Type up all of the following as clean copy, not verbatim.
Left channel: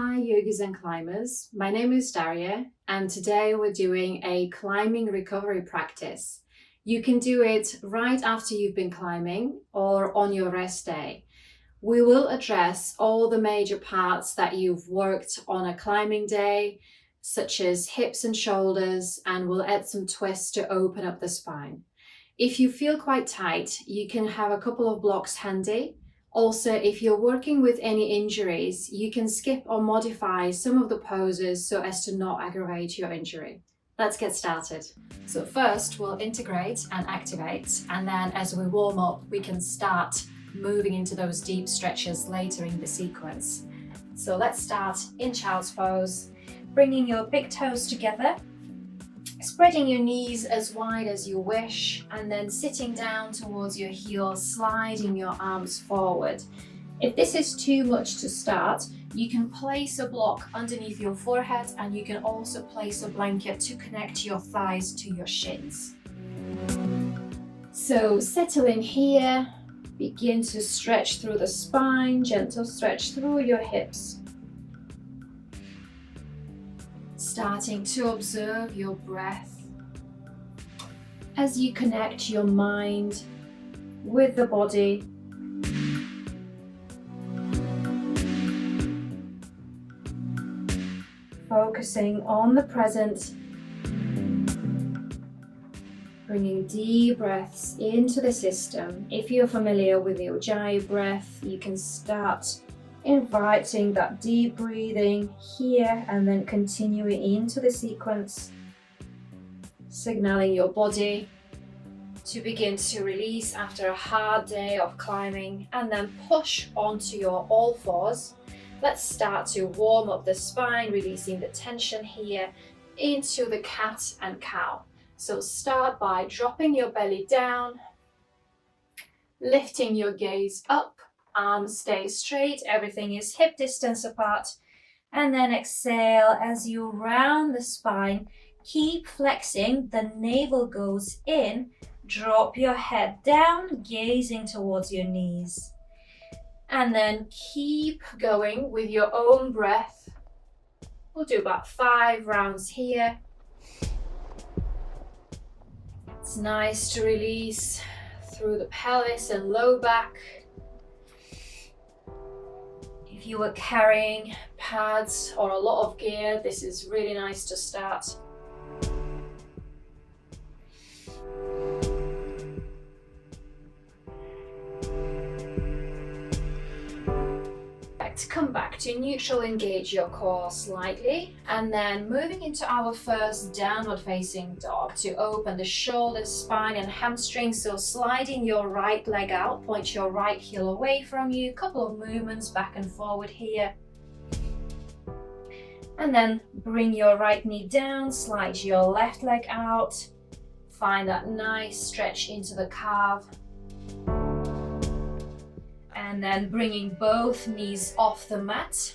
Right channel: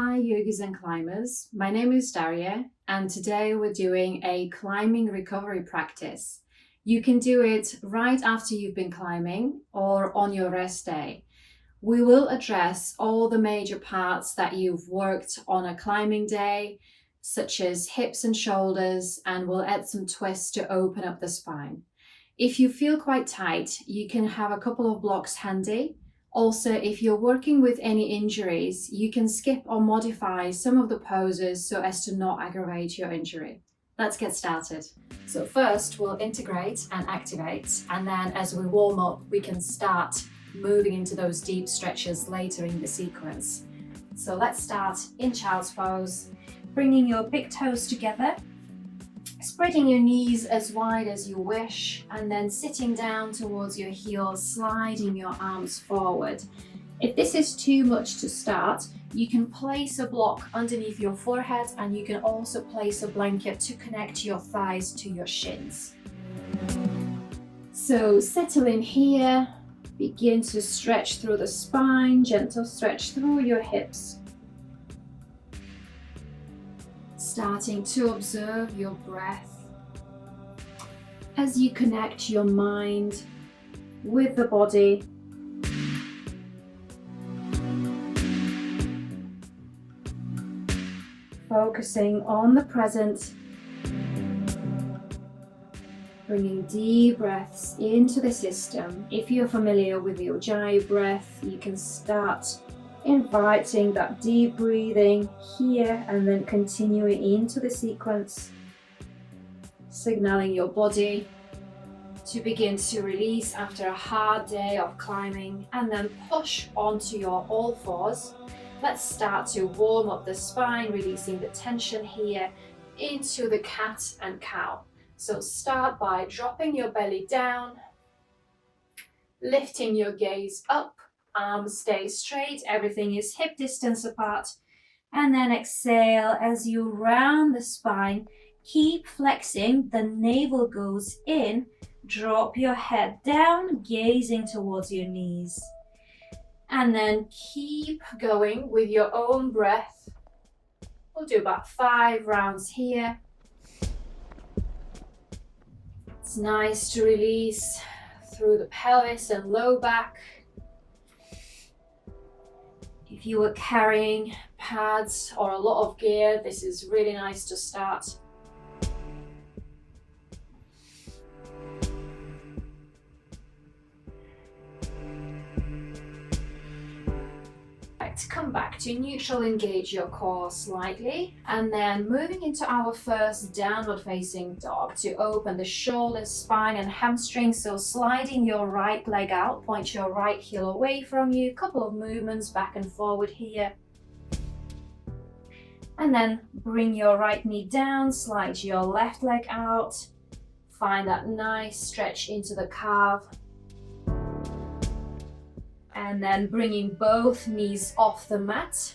Hi yogis and climbers, my name is Daria and today we're doing a climbing recovery practice. You can do it right after you've been climbing or on your rest day. We will address all the major parts that you've worked on a climbing day, such as hips and shoulders, and we'll add some twists to open up the spine. If you feel quite tight, you can have a couple of blocks handy. Also, if you're working with any injuries, you can skip or modify some of the poses so as to not aggravate your injury. Let's get started. So first we'll integrate and activate, and then as we warm up, we can start moving into those deep stretches later in the sequence. So let's start in child's pose, bringing your big toes together, spreading your knees as wide as you wish, and then sitting down towards your heels, sliding your arms forward. If this is too much to start, you can place a block underneath your forehead, and you can also place a blanket to connect your thighs to your shins. So settle in here, begin to stretch through the spine, gentle stretch through your hips. Starting to observe your breath as you connect your mind with the body. Focusing on the present, bringing deep breaths into the system. If you're familiar with the Ujjayi breath, you can start inviting that deep breathing here and then continuing into the sequence, signaling your body to begin to release after a hard day of climbing, and then push onto your all fours. Let's start to warm up the spine, releasing the tension here into the cat and cow. So start by dropping your belly down, lifting your gaze up, arms stay straight, everything is hip distance apart, and then exhale as you round the spine. Keep flexing, the navel goes in, drop your head down, gazing towards your knees, and then keep going with your own breath. We'll do about 5 rounds here. It's nice to release through the pelvis and low back. If you were carrying pads or a lot of gear, this is really nice to start. Come back to neutral, engage your core slightly, and then moving into our first downward facing dog to open the shoulders, spine and hamstrings. So sliding your right leg out, point your right heel away from you, couple of movements back and forward here, and then bring your right knee down, slide your left leg out, find that nice stretch into the calf. And then bringing both knees off the mat,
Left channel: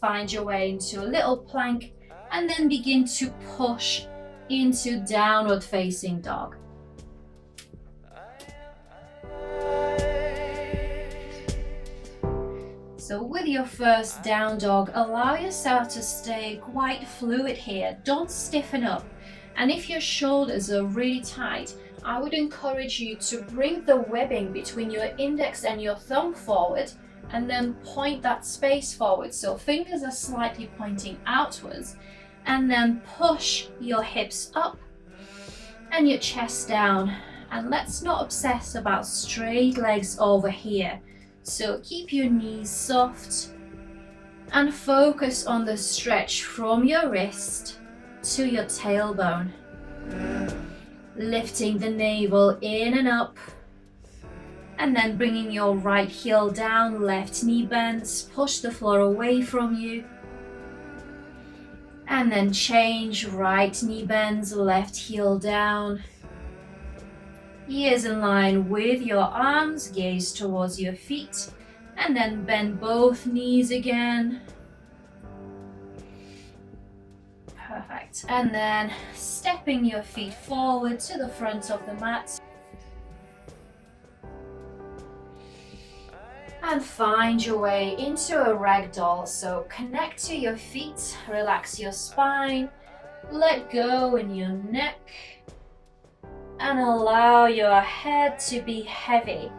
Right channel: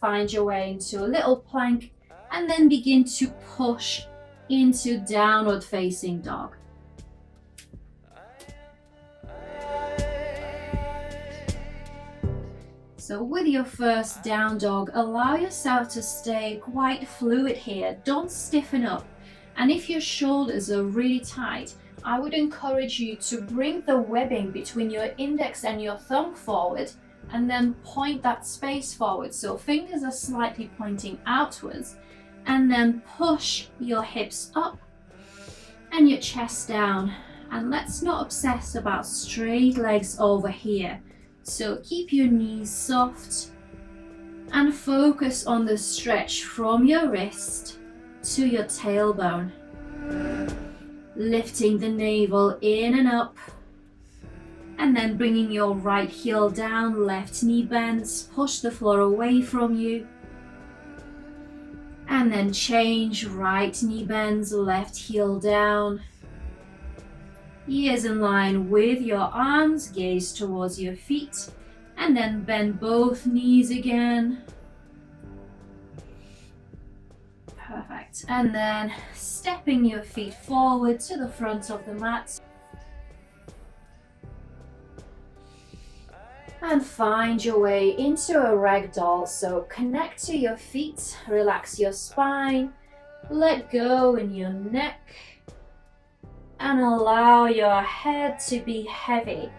find your way into a little plank, and then begin to push into downward facing dog. So with your first down dog, allow yourself to stay quite fluid here. Don't stiffen up. And if your shoulders are really tight, I would encourage you to bring the webbing between your index and your thumb forward, and then point that space forward. So fingers are slightly pointing outwards, and then push your hips up and your chest down. And let's not obsess about straight legs over here. So keep your knees soft and focus on the stretch from your wrist to your tailbone. Lifting the navel in and up, and then bringing your right heel down, left knee bends, push the floor away from you, and then change, right knee bends, left heel down, ears in line with your arms, gaze towards your feet, and then bend both knees again. Perfect. And then stepping your feet forward to the front of the mat. And find your way into a ragdoll. So connect to your feet, relax your spine, let go in your neck, and allow your head to be heavy.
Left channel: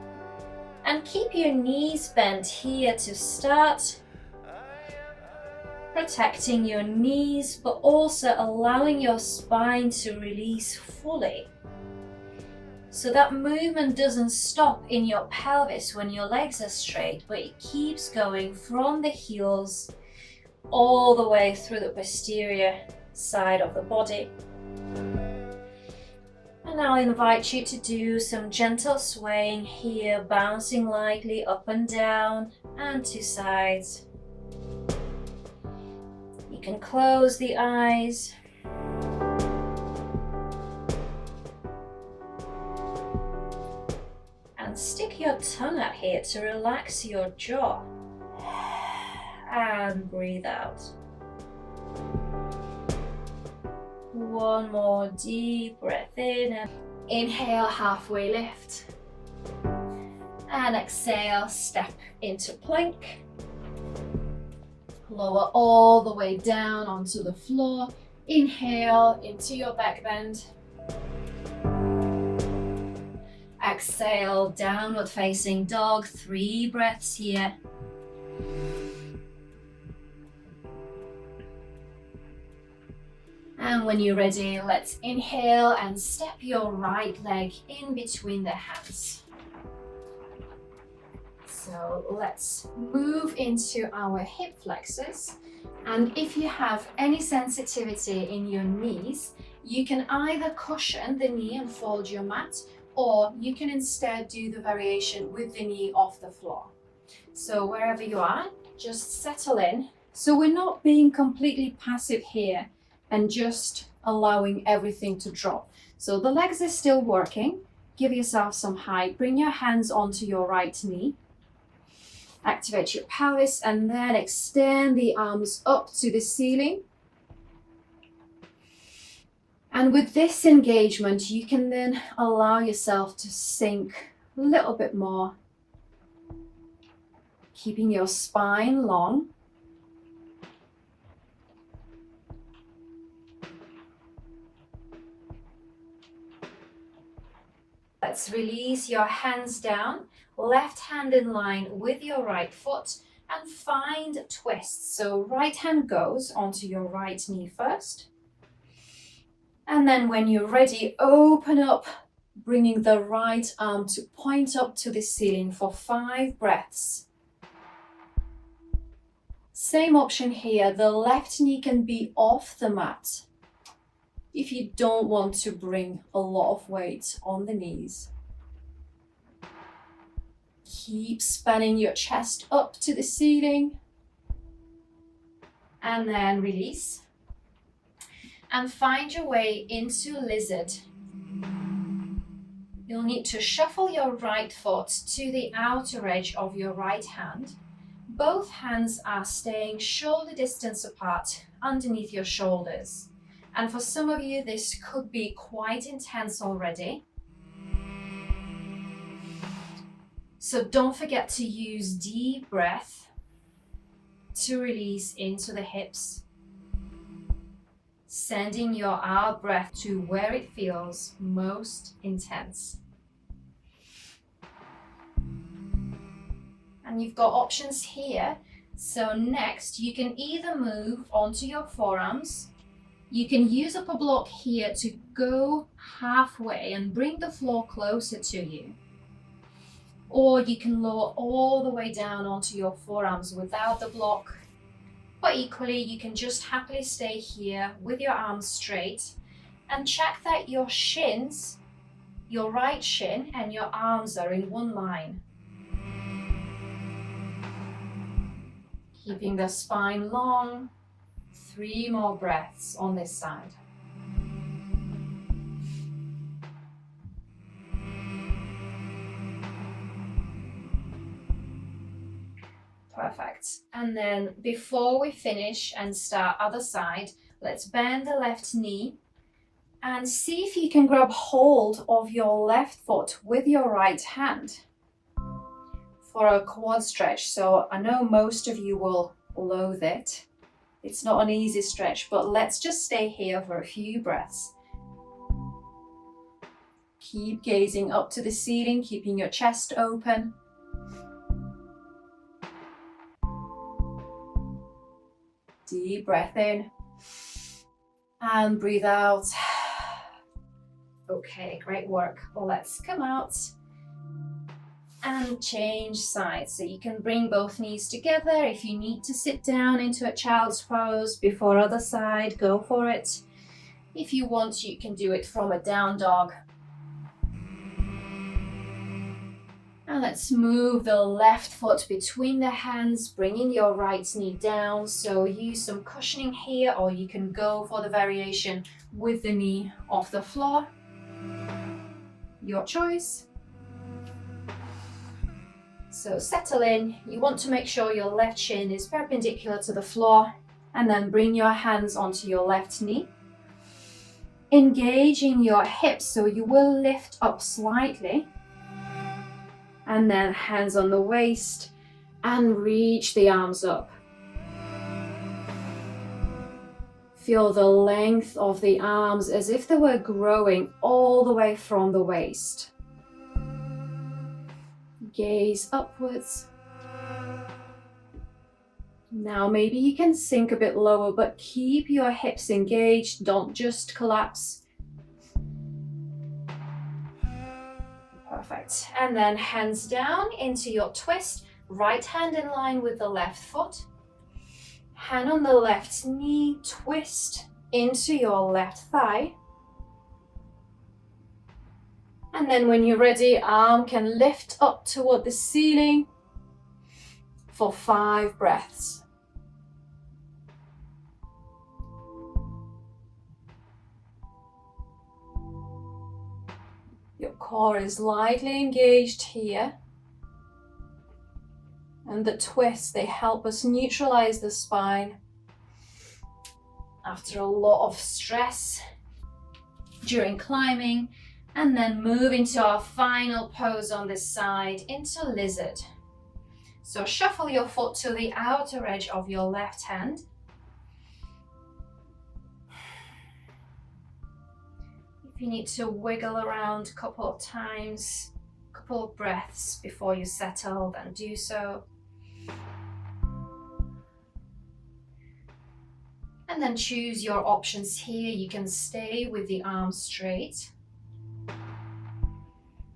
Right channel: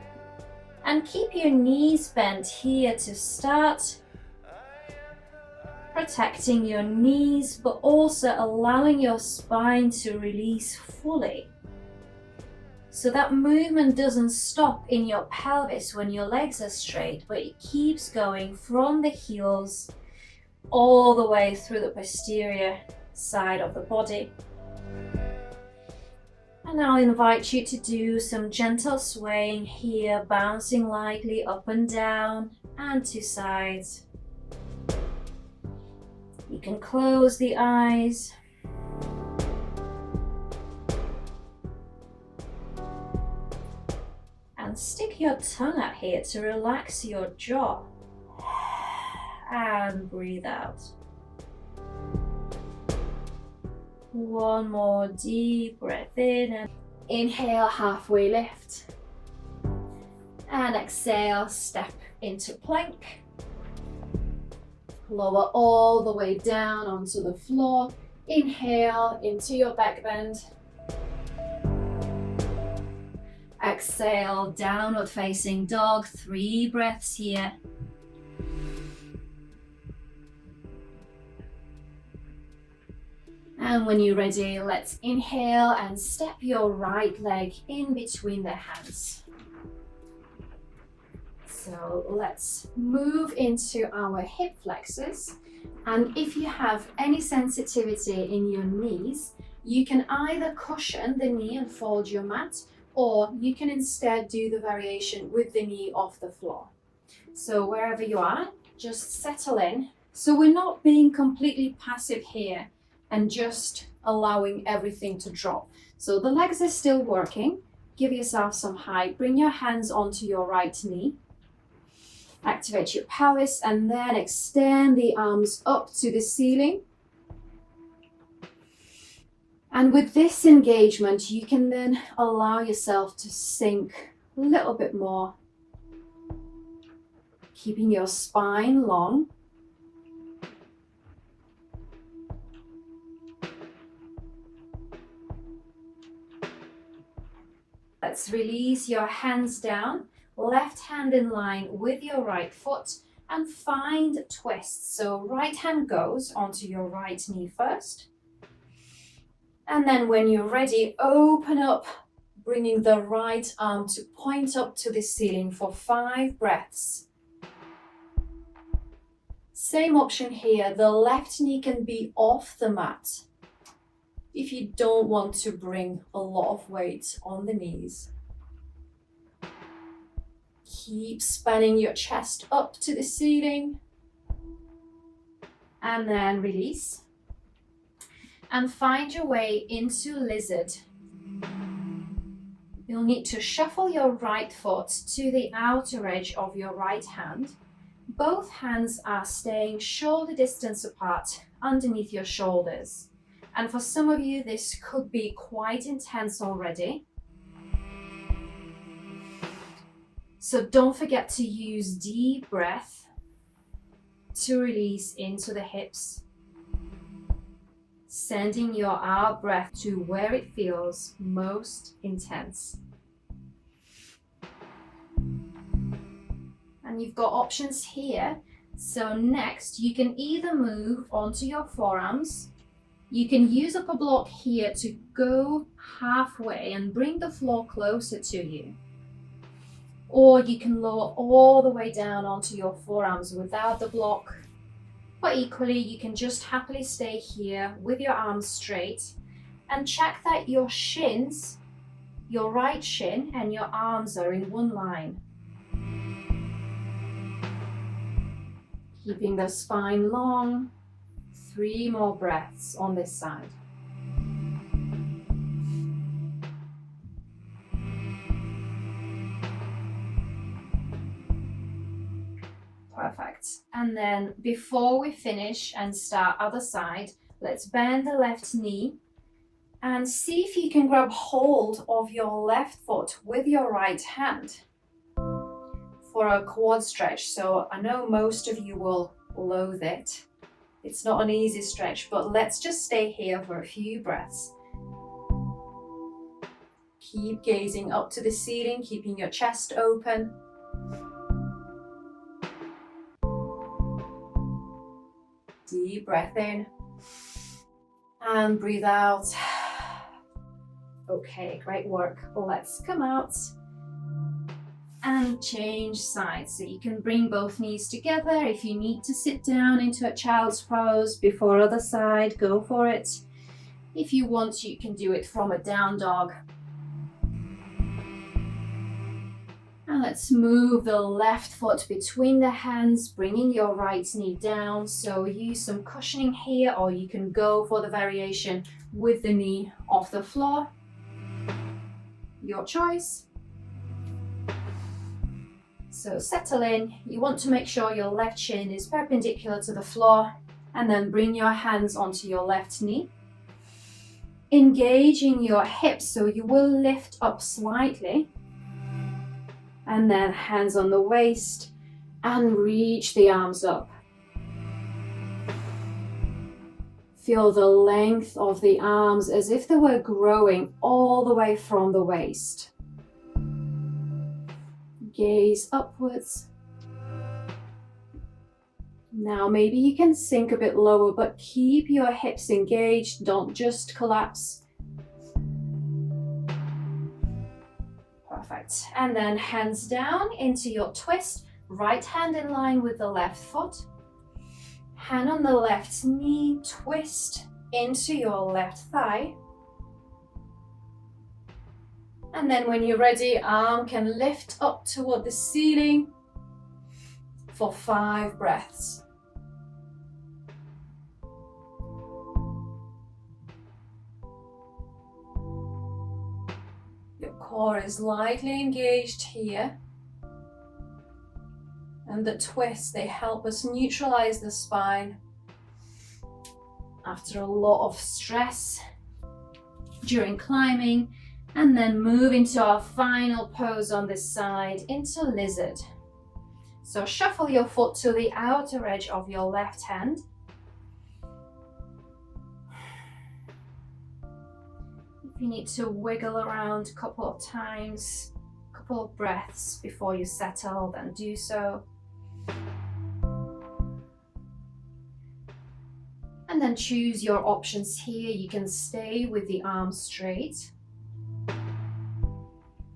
And keep your knees bent here to start, protecting your knees, but also allowing your spine to release fully. So that movement doesn't stop in your pelvis when your legs are straight, but it keeps going from the heels all the way through the posterior side of the body. And I'll invite you to do some gentle swaying here, bouncing lightly up and down and to sides. You can close the eyes. And stick your tongue out here to relax your jaw. And breathe out. One more deep breath in. And inhale, halfway lift. And exhale, step into plank. Lower all the way down onto the floor. Inhale into your back bend. Exhale, downward facing dog. 3 breaths here. And when you're ready, let's inhale and step your right leg in between the hands. So let's move into our hip flexors. And if you have any sensitivity in your knees, you can either cushion the knee and fold your mat, or you can instead do the variation with the knee off the floor. So wherever you are, just settle in. So we're not being completely passive here and just allowing everything to drop. So the legs are still working. Give yourself some height. Bring your hands onto your right knee. Activate your pelvis and then extend the arms up to the ceiling. And with this engagement, you can then allow yourself to sink a little bit more, keeping your spine long. Let's release your hands down, left hand in line with your right foot, and find twists. So right hand goes onto your right knee first. And then when you're ready, open up, bringing the right arm to point up to the ceiling for 5 breaths. Same option here, the left knee can be off the mat if you don't want to bring a lot of weight on the knees. Keep spanning your chest up to the ceiling. And then release. And find your way into lizard. You'll need to shuffle your right foot to the outer edge of your right hand. Both hands are staying shoulder distance apart underneath your shoulders. And for some of you, this could be quite intense already. So don't forget to use deep breath to release into the hips, sending your out breath to where it feels most intense. And you've got options here. So next, you can either move onto your forearms. You can use up a block here to go halfway and bring the floor closer to you. Or you can lower all the way down onto your forearms without the block. But equally, you can just happily stay here with your arms straight and check that your shins, your right shin and your arms are in one line. Keeping the spine long. 3 more breaths on this side. Perfect. And then before we finish and start other side, let's bend the left knee and see if you can grab hold of your left foot with your right hand. for a quad stretch. So I know most of you will loathe it. It's not an easy stretch, but let's just stay here for a few breaths. Keep gazing up to the ceiling, keeping your chest open. Deep breath in and breathe out. Okay, great work. Let's come out and change sides. So you can bring both knees together. If you need to sit down into a child's pose before other side, go for it. If you want, you can do it from a down dog. And let's move the left foot between the hands, bringing your right knee down. So use some cushioning here, or you can go for the variation with the knee off the floor. Your choice. So settle in. You want to make sure your left shin is perpendicular to the floor, and then bring your hands onto your left knee. Engaging your hips, so you will lift up slightly. And then hands on the waist and reach the arms up. Feel the length of the arms as if they were growing all the way from the waist. Gaze upwards. Now maybe you can sink a bit lower, but keep your hips engaged, don't just collapse. Perfect. And then hands down into your twist. Right hand in line with the left foot. Hand on the left knee, twist into your left thigh. And then when you're ready, arm can lift up toward the ceiling for 5 breaths. Your core is lightly engaged here. And the twists, they help us neutralize the spine after a lot of stress during climbing. And then move into our final pose on this side, into lizard. So shuffle your foot to the outer edge of your left hand. If you need to wiggle around a couple of times, a couple of breaths before you settle, then do so. And then choose your options here. You can stay with the arms straight.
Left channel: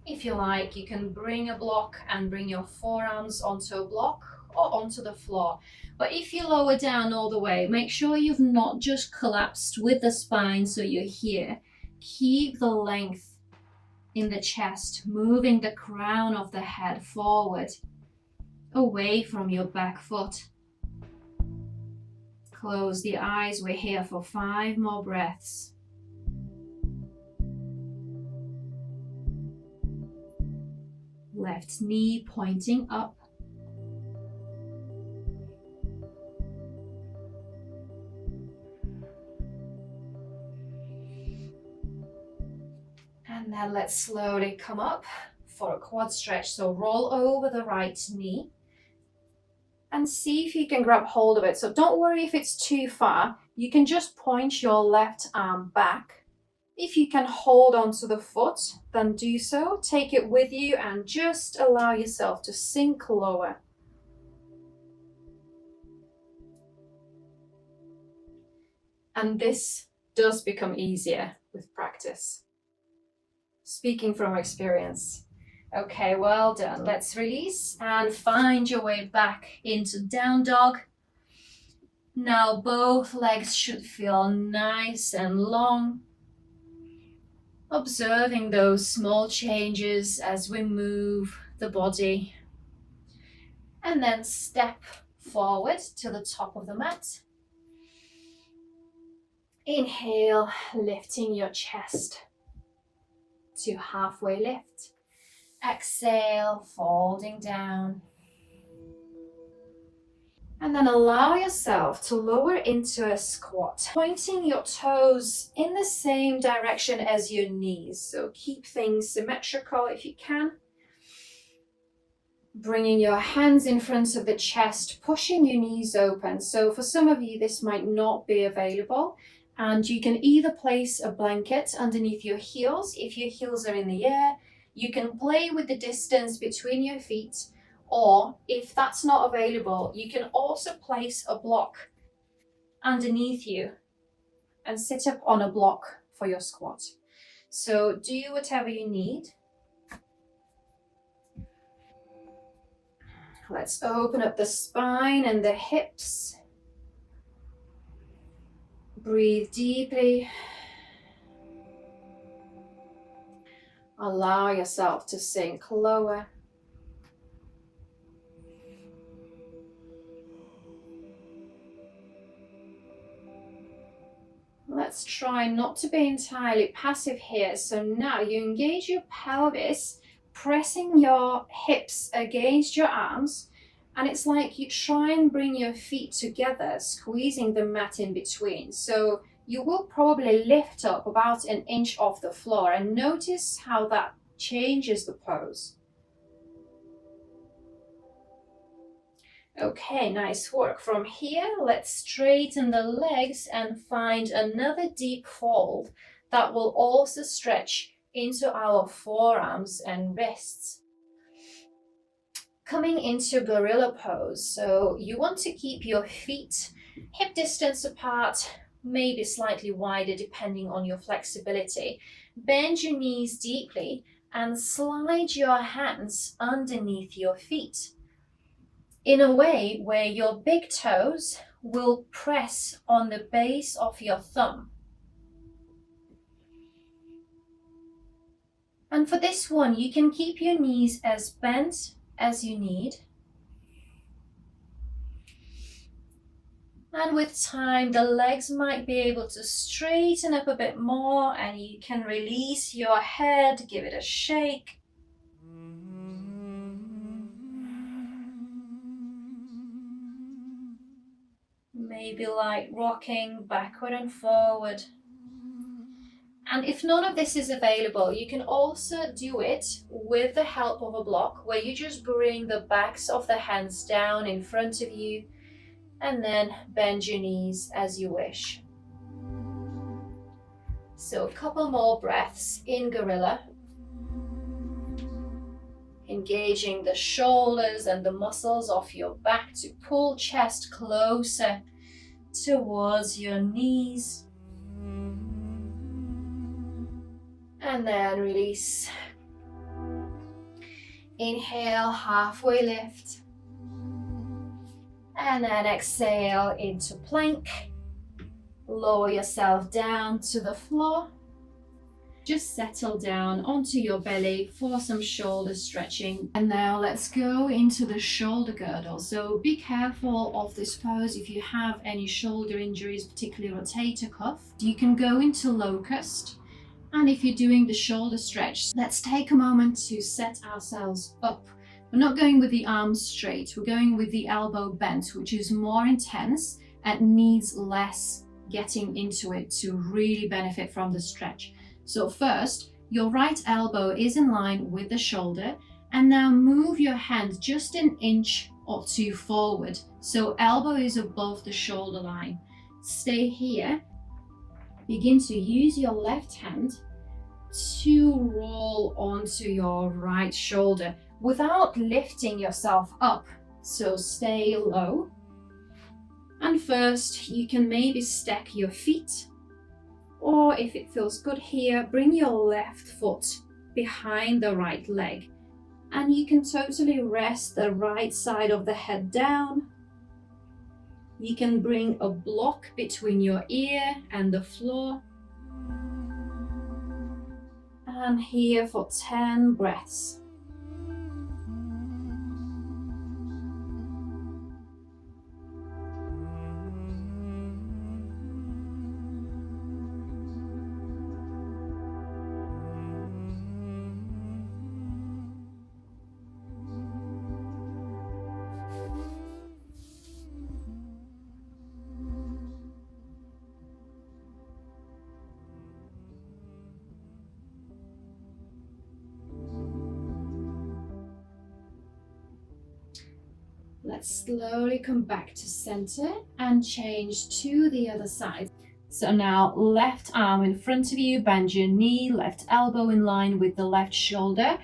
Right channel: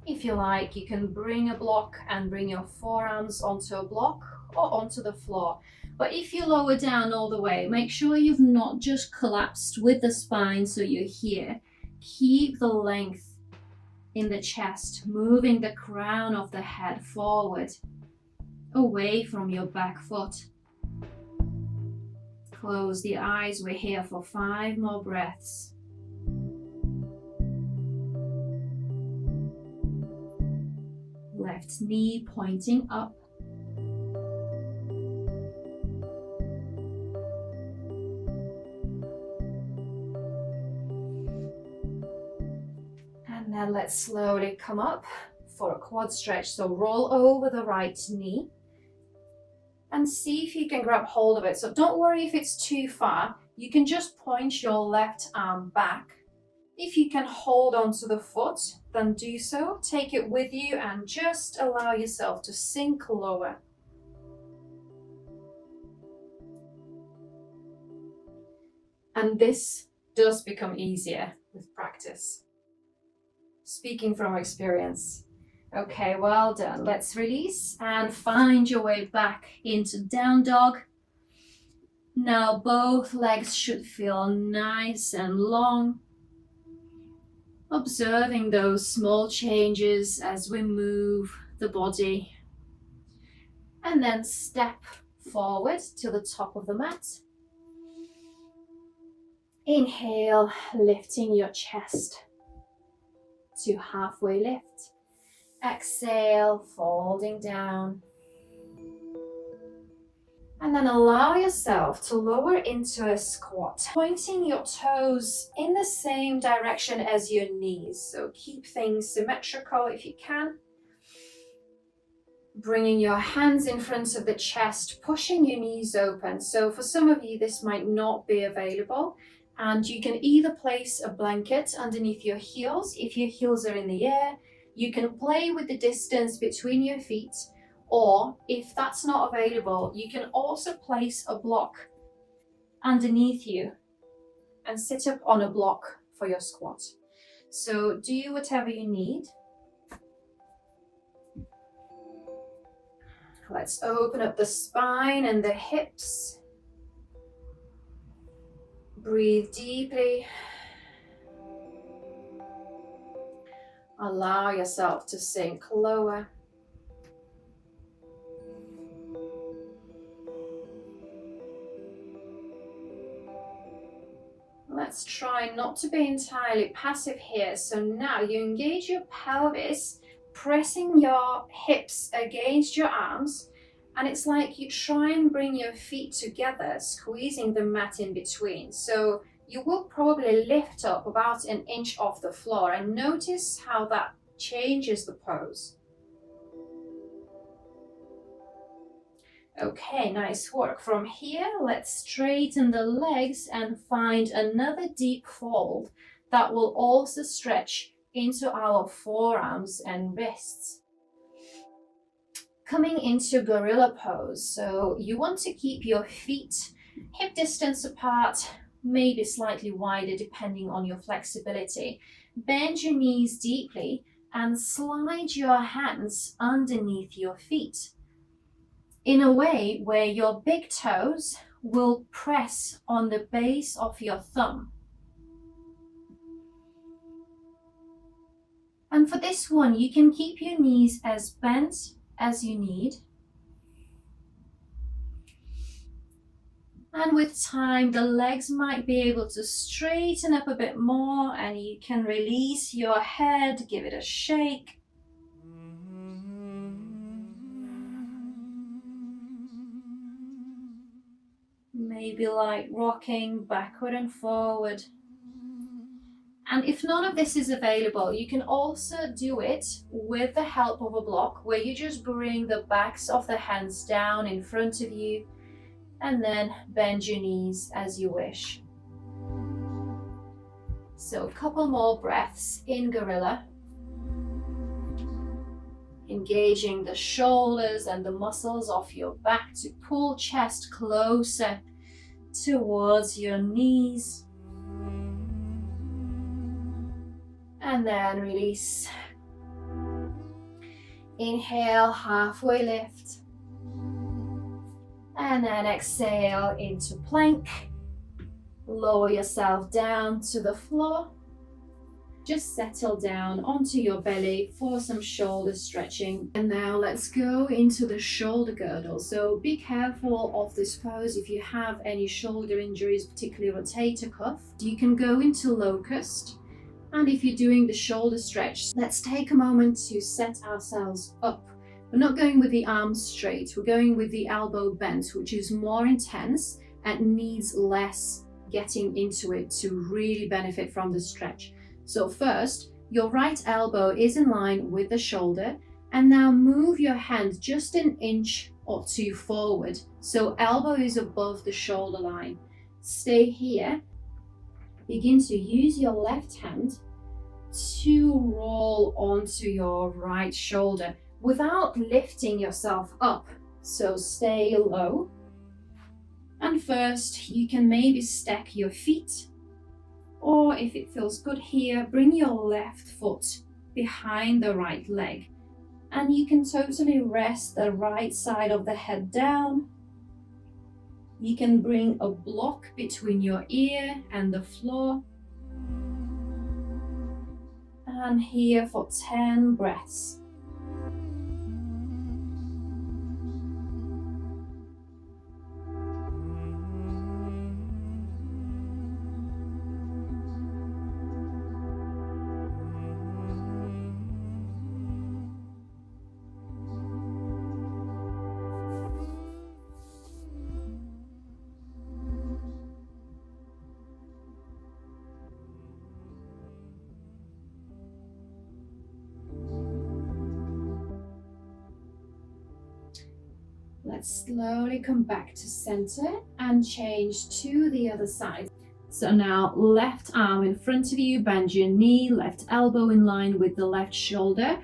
If you like, you can bring a block and bring your forearms onto a block or onto the floor. But if you lower down all the way, make sure you've not just collapsed with the spine so you're here. Keep the length in the chest, moving the crown of the head forward, away from your back foot. Close the eyes. We're here for 5 more breaths. Left knee pointing up. And then let's slowly come up for a quad stretch. So roll over the right knee and see if you can grab hold of it. So don't worry if it's too far. You can just point your left arm back. If you can hold onto the foot, then do so. Take it with you and just allow yourself to sink lower. And this does become easier with practice. Speaking from experience. Okay, well done. Let's release and find your way back into down dog. Now both legs should feel nice and long. Observing those small changes as we move the body. And then step forward to the top of the mat. Inhale, lifting your chest to halfway lift. Exhale, folding down. And then allow yourself to lower into a squat, pointing your toes in the same direction as your knees. So keep things symmetrical if you can. Bringing your hands in front of the chest, pushing your knees open. So for some of you, this might not be available. And you can either place a blanket underneath your heels. If your heels are in the air, you can play with the distance between your feet. Or if that's not available, you can also place a block underneath you and sit up on a block for your squat. So do whatever you need. Let's open up the spine and the hips. Breathe deeply. Allow yourself to sink lower. Let's try not to be entirely passive here. So now you engage your pelvis, pressing your hips against your arms. And it's like you try and bring your feet together, squeezing the mat in between. So you will probably lift up about an inch off the floor, and notice how that changes the pose. Okay, nice work. From here, let's straighten the legs and find another deep fold that will also stretch into our forearms and wrists. Coming into gorilla pose, so you want to keep your feet hip distance apart, maybe slightly wider depending on your flexibility. Bend your knees deeply and slide your hands underneath your feet in a way where your big toes will press on the base of your thumb. And for this one, you can keep your knees as bent as you need. And with time, the legs might be able to straighten up a bit more, and you can release your head, give it a shake. Maybe like rocking backward and forward. And if none of this is available, you can also do it with the help of a block, where you just bring the backs of the hands down in front of you and then bend your knees as you wish. So a couple more breaths in gorilla. Engaging the shoulders and the muscles of your back to pull chest closer towards your knees. And then release. Inhale, halfway lift. And then exhale into plank. Lower yourself down to the floor. Just settle down onto your belly for some shoulder stretching. And now let's go into the shoulder girdle. So be careful of this pose if you have any shoulder injuries, particularly rotator cuff. You can go into locust. And if you're doing the shoulder stretch, let's take a moment to set ourselves up. We're not going with the arms straight, we're going with the elbow bent, which is more intense and needs less getting into it to really benefit from the stretch. So first, your right elbow is in line with the shoulder, and now move your hand just an inch or two forward. So elbow is above the shoulder line. Stay here. Begin to use your left hand to roll onto your right shoulder without lifting yourself up. So stay low. And first, you can maybe stack your feet, or if it feels good here, bring your left foot behind the right leg. And you can totally rest the right side of the head down. You can bring a block between your ear and the floor. And here for 10 breaths. Let's slowly come back to center and change to the other side. So now left arm in front of you, bend your knee, left elbow in line with the left shoulder.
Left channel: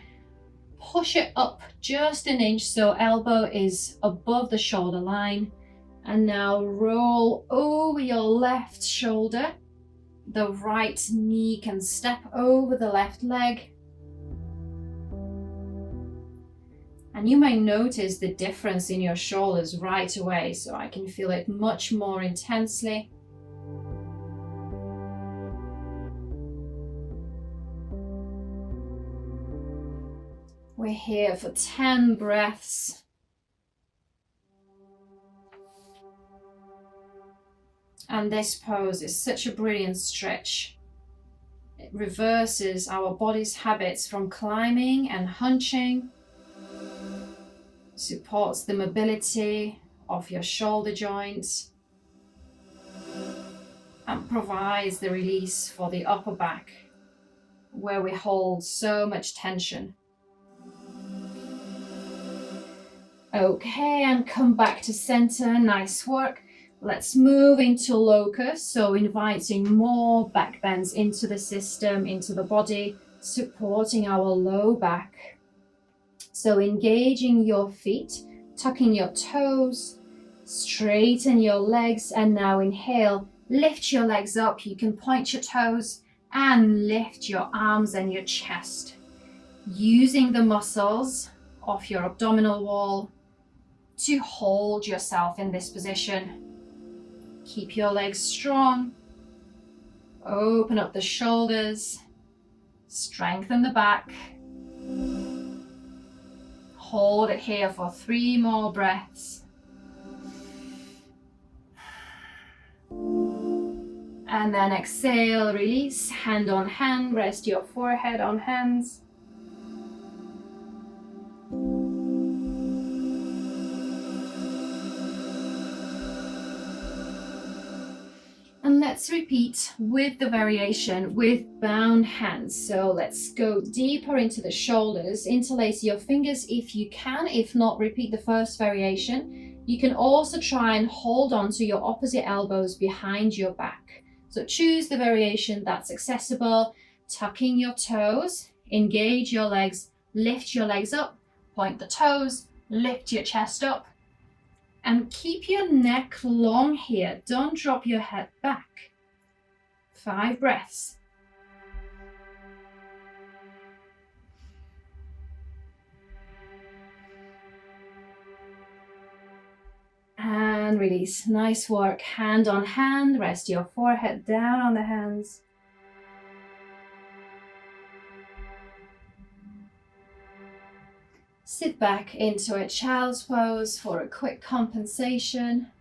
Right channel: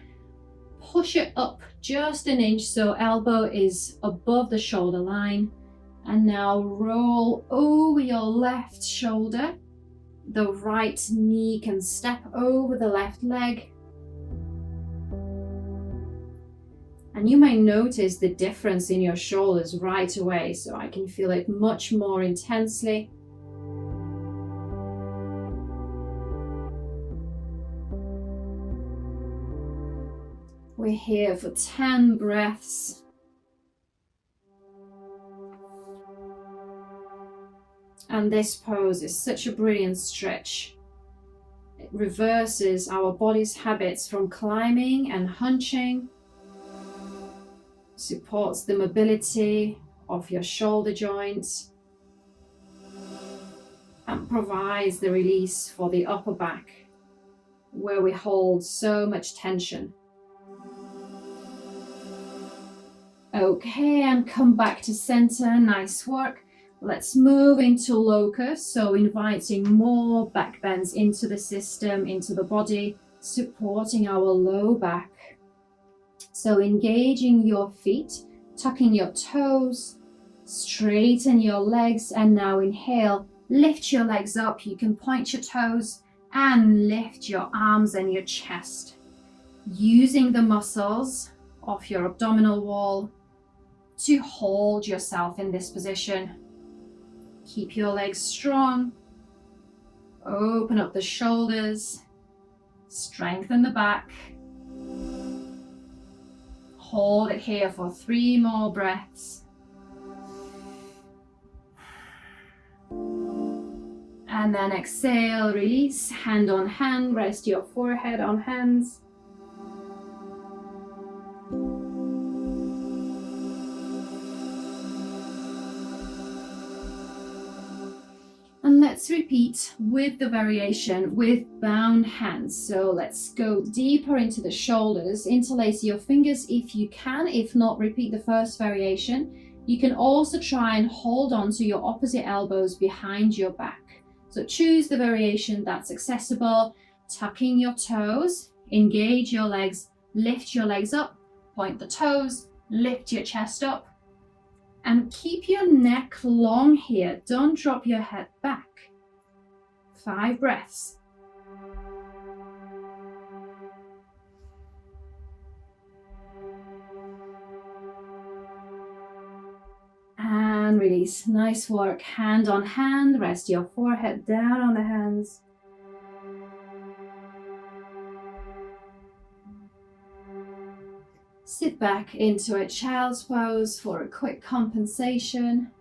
Push it up just an inch so elbow is above the shoulder line. And now roll over your left shoulder. The right knee can step over the left leg. And you may notice the difference in your shoulders right away, so I can feel it much more intensely. We're here for 10 breaths. And this pose is such a brilliant stretch. It reverses our body's habits from climbing and hunching, supports the mobility of your shoulder joints, and provides the release for the upper back, where we hold so much tension. Okay, and come back to center. Nice work. Let's move into locust, so inviting more back bends into the system, into the body, supporting our low back. So engaging your feet, tucking your toes, straighten your legs, and now inhale, lift your legs up. You can point your toes and lift your arms and your chest, using the muscles of your abdominal wall to hold yourself in this position. Keep your legs strong. Open up the shoulders. Strengthen the back. Hold it here for 3 more breaths. And then exhale, release, hand on hand, rest your forehead on hands. And let's repeat with the variation with bound hands. So let's go deeper into the shoulders, interlace your fingers if you can. If not, repeat the first variation. You can also try and hold on to your opposite elbows behind your back. So choose the variation that's accessible, tucking your toes, engage your legs, lift your legs up, point the toes, lift your chest up. And keep your neck long here. Don't drop your head back. 5 breaths. And release. Nice work. Hand on hand. Rest your forehead down on the hands. Sit back into a child's pose for a quick compensation.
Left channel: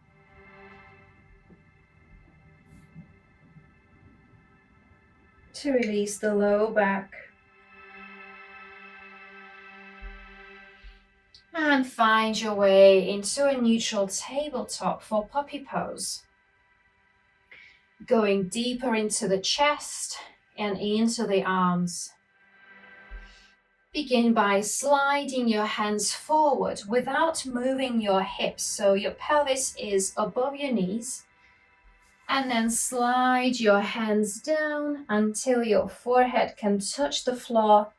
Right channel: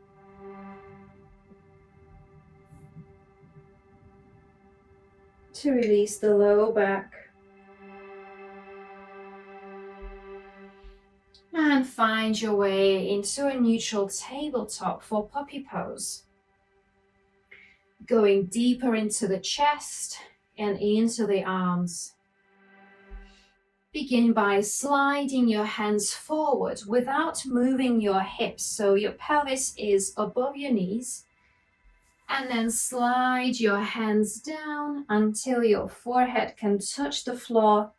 To release the low back. And find your way into a neutral tabletop for puppy pose. Going deeper into the chest and into the arms. Begin by sliding your hands forward without moving your hips, so your pelvis is above your knees. And then slide your hands down until your forehead can touch the floor.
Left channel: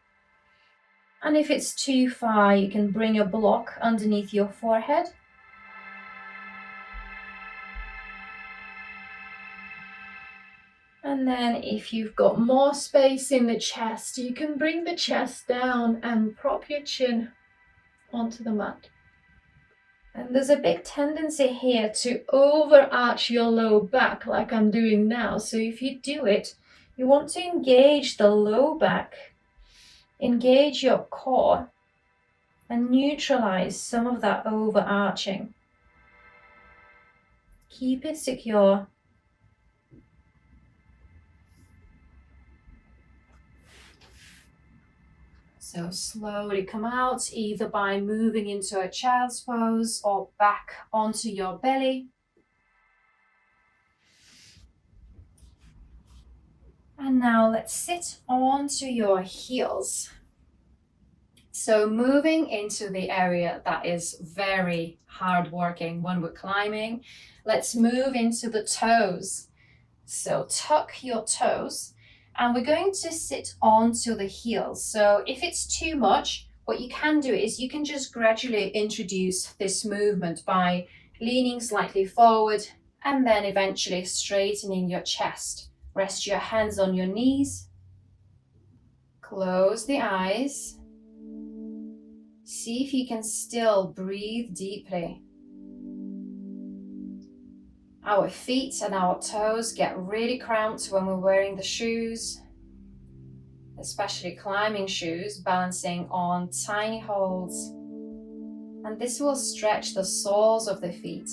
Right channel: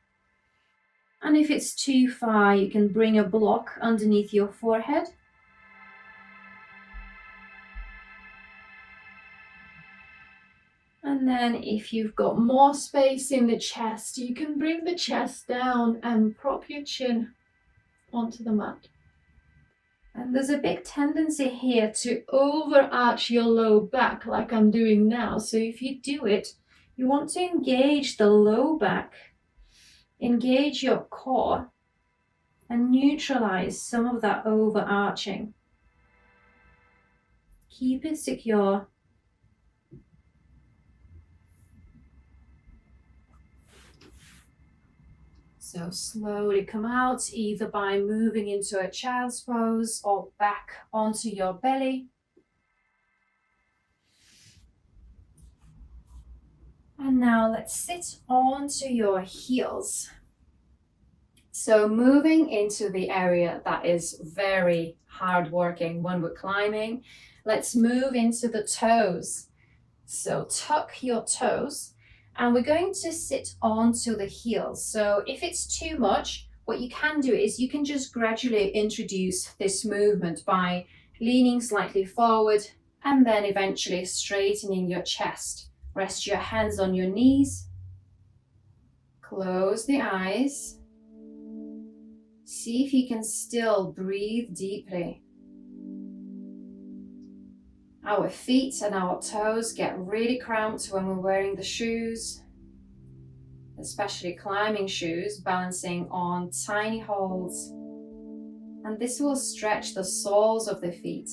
And if it's too far, you can bring a block underneath your forehead. And then if you've got more space in the chest, you can bring the chest down and prop your chin onto the mat. And there's a big tendency here to overarch your low back like I'm doing now. So if you do it, you want to engage the low back, engage your core, and neutralize some of that overarching. Keep it secure. So slowly come out, either by moving into a child's pose or back onto your belly. And now let's sit onto your heels. So moving into the area that is very hard working when we're climbing, let's move into the toes. So tuck your toes and we're going to sit onto the heels. So if it's too much, what you can do is you can just gradually introduce this movement by leaning slightly forward and then eventually straightening your chest. Rest your hands on your knees. Close the eyes. See if you can still breathe deeply. Our feet and our toes get really cramped when we're wearing the shoes, especially climbing shoes, balancing on tiny holes. And this will stretch the soles of the feet,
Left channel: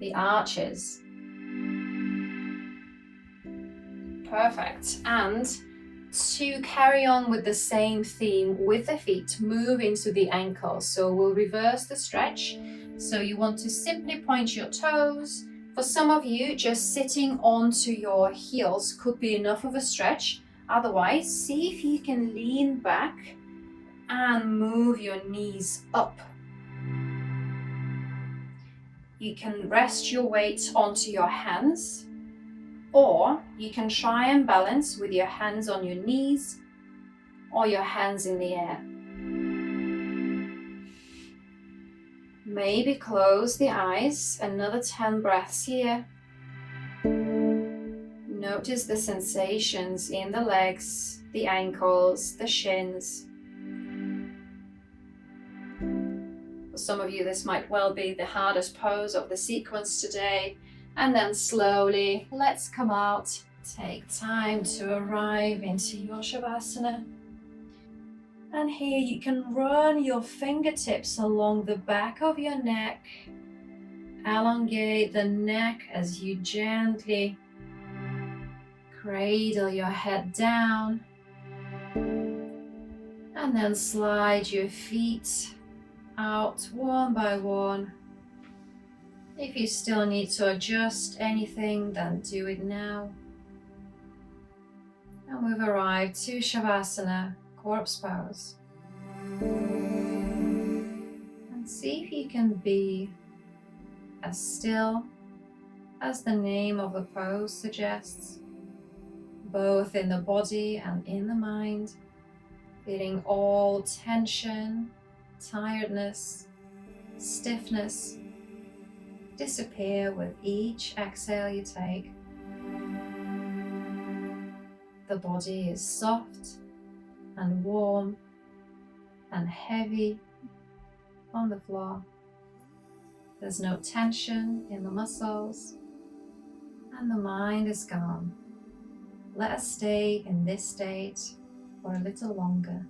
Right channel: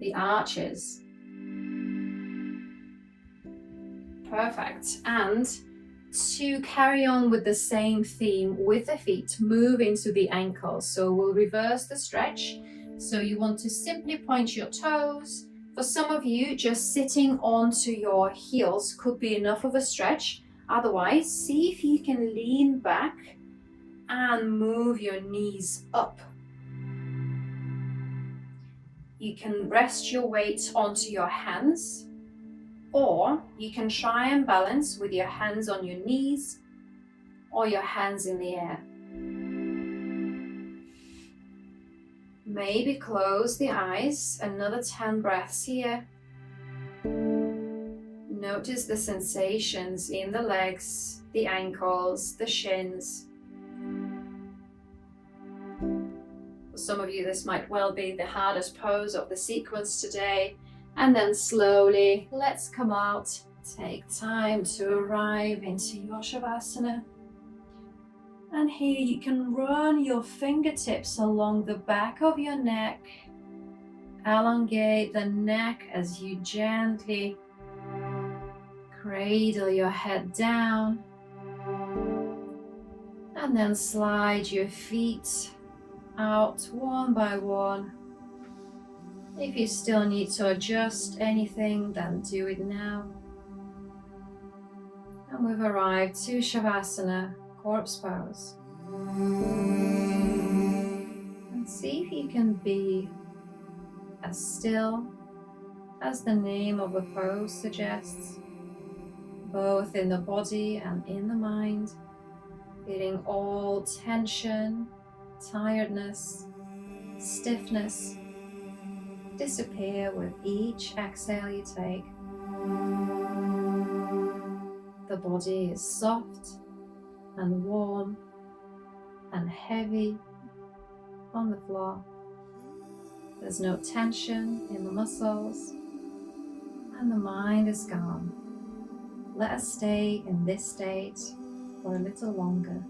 the arches. Perfect. And to carry on with the same theme with the feet, move into the ankles. So we'll reverse the stretch. So you want to simply point your toes. For some of you, just sitting onto your heels could be enough of a stretch. Otherwise, see if you can lean back and move your knees up. You can rest your weight onto your hands, or you can try and balance with your hands on your knees or your hands in the air. Maybe close the eyes, another 10 breaths here. Notice the sensations in the legs, the ankles, the shins. For some of you, this might well be the hardest pose of the sequence today. And then slowly, let's come out. Take time to arrive into your Shavasana. And here you can run your fingertips along the back of your neck. Elongate the neck as you gently cradle your head down. And then slide your feet out one by one. If you still need to adjust anything, then do it now. And we've arrived to Shavasana, corpse pose. And see if you can be as still as the name of the pose suggests, both in the body and in the mind, feeling all tension, tiredness, stiffness disappear with each exhale you take. The body is soft and warm and heavy on the floor. There's no tension in the muscles and the mind is calm. Let us stay in this state for a little longer.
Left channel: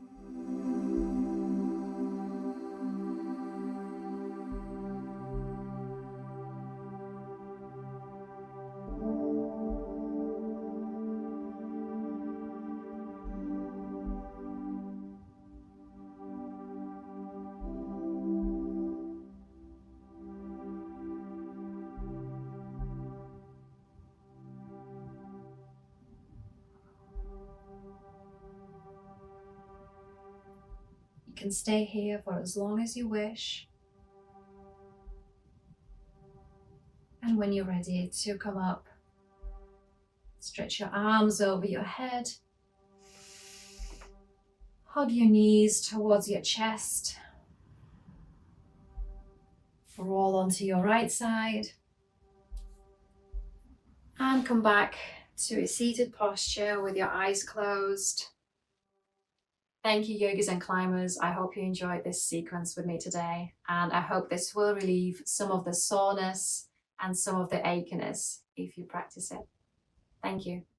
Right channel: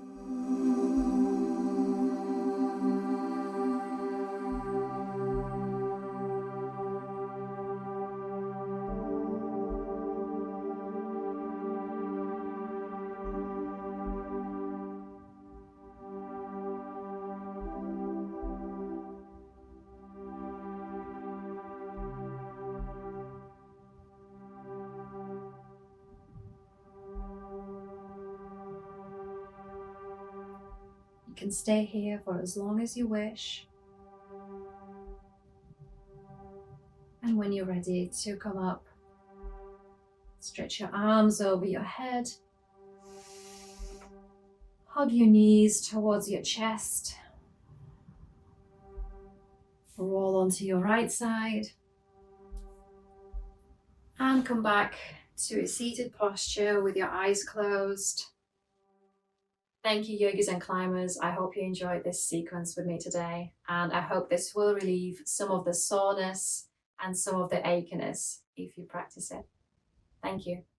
You can stay here for as long as you wish. And when you're ready to come up, stretch your arms over your head. Hug your knees towards your chest. Roll onto your right side. And come back to a seated posture with your eyes closed. Thank you, yogis and climbers. I hope you enjoyed this sequence with me today, and I hope this will relieve some of the soreness and some of the achiness if you practice it. Thank you.